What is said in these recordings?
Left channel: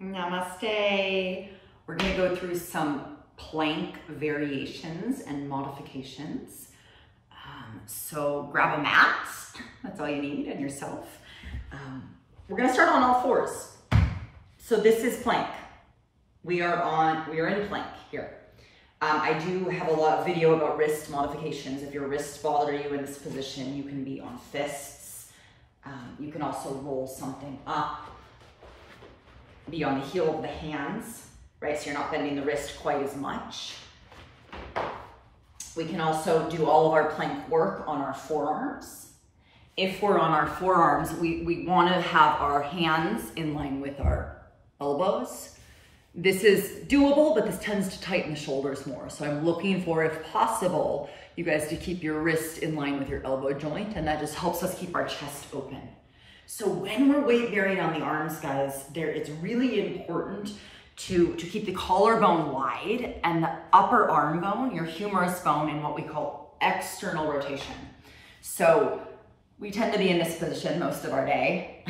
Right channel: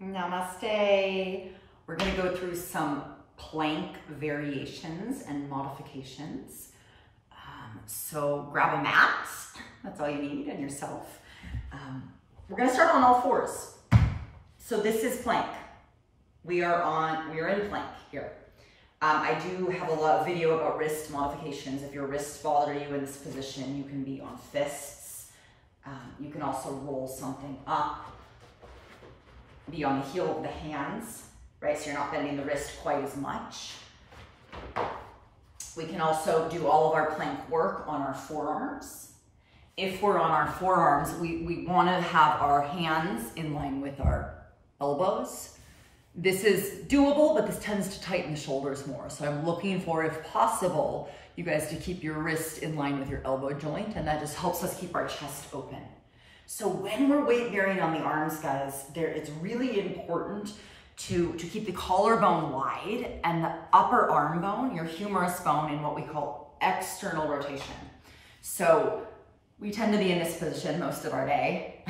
Namaste. We're going to go through some plank variations and modifications. So grab a mat. That's all you need, and yourself. We're going to start on all fours. So this is plank. We are in plank here. I do have a lot of video about wrist modifications. If your wrists bother you in this position, you can be on fists. You can also roll something up, be on the heel of the hands, right? So you're not bending the wrist quite as much. We can also do all of our plank work on our forearms. If we're on our forearms, we want to have our hands in line with our elbows. This is doable, but this tends to tighten the shoulders more. So I'm looking for, if possible, you guys to keep your wrist in line with your elbow joint, and that just helps us keep our chest open. So when we're weight bearing on the arms, guys, it's really important to keep the collarbone wide and the upper arm bone, your humerus bone, in what we call external rotation. So we tend to be in this position most of our day.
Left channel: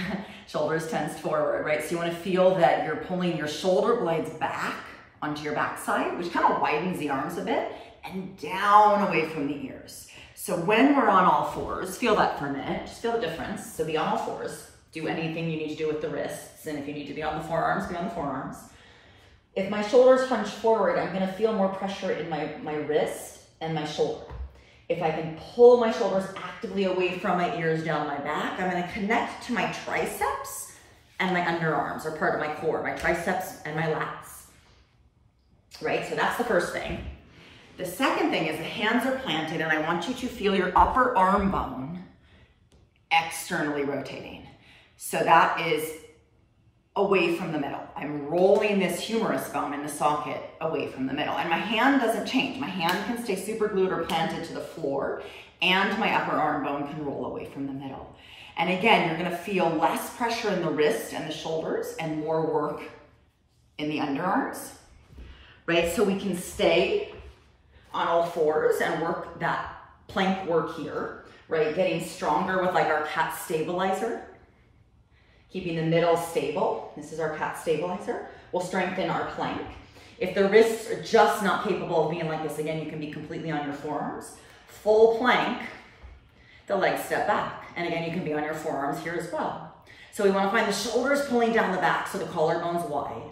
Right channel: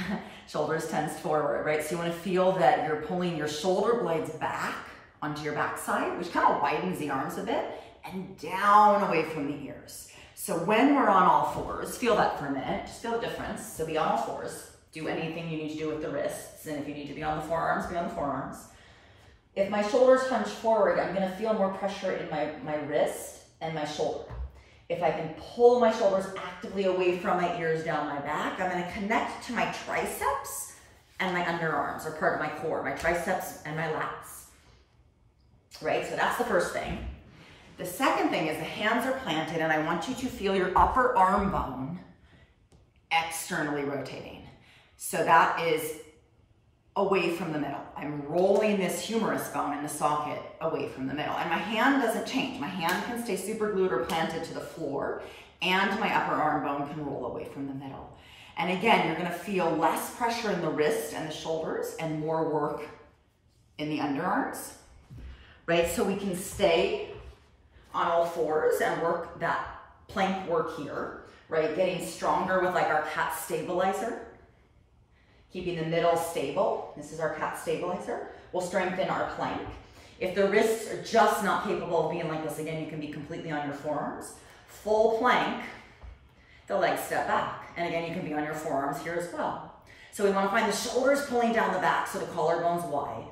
Shoulders tensed forward, right? So you want to feel that you're pulling your shoulder blades back onto your backside, which kind of widens the arms a bit, and down away from the ears. So when we're on all fours, feel that for a minute, just feel the difference. So be on all fours, do anything you need to do with the wrists, and if you need to be on the forearms, be on the forearms. If my shoulders hunch forward, I'm gonna feel more pressure in my wrist and my shoulder. If I can pull my shoulders actively away from my ears down my back, I'm gonna connect to my triceps and my underarms, or part of my core, my triceps and my lats, right? So that's the first thing. The second thing is the hands are planted, and I want you to feel your upper arm bone externally rotating. So that is away from the middle. I'm rolling this humerus bone in the socket away from the middle, and my hand doesn't change. My hand can stay super glued or planted to the floor, and my upper arm bone can roll away from the middle. And again, you're gonna feel less pressure in the wrist and the shoulders and more work in the underarms, right? So we can stay on all fours and work that plank work here, right? Getting stronger with like our cat stabilizer. Keeping the middle stable. This is our cat stabilizer. We'll strengthen our plank. If the wrists are just not capable of being like this, again, you can be completely on your forearms. Full plank, the legs step back. And again, you can be on your forearms here as well. So we want to find the shoulders pulling down the back so the collarbone's wide.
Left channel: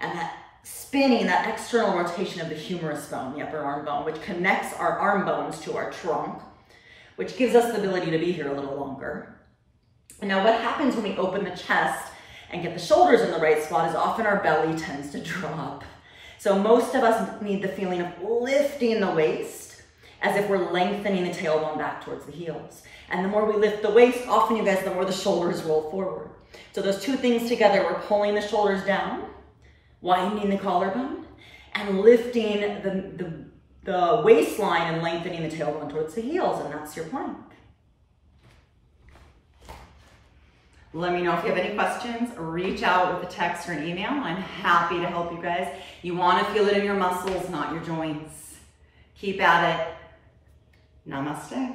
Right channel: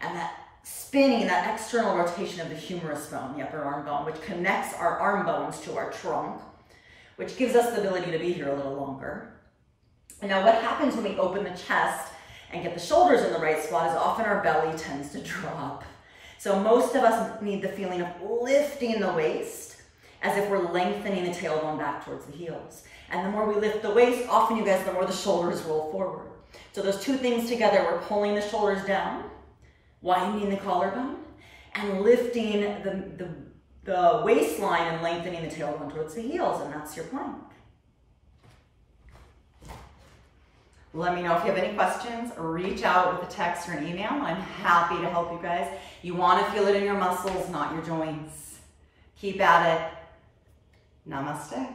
And that spinning, that external rotation of the humerus bone, the upper arm bone, which connects our arm bones to our trunk, which gives us the ability to be here a little longer. And now what happens when we open the chest and get the shoulders in the right spot is often our belly tends to drop. So most of us need the feeling of lifting the waist as if we're lengthening the tailbone back towards the heels. And the more we lift the waist, often you guys, the more the shoulders roll forward. So those two things together, we're pulling the shoulders down, widening the collarbone, and lifting the waistline and lengthening the tailbone towards the heels, and that's your plank. Let me know if you have any questions. Reach out with a text or an email. I'm happy to help you guys. You want to feel it in your muscles, not your joints. Keep at it. Namaste.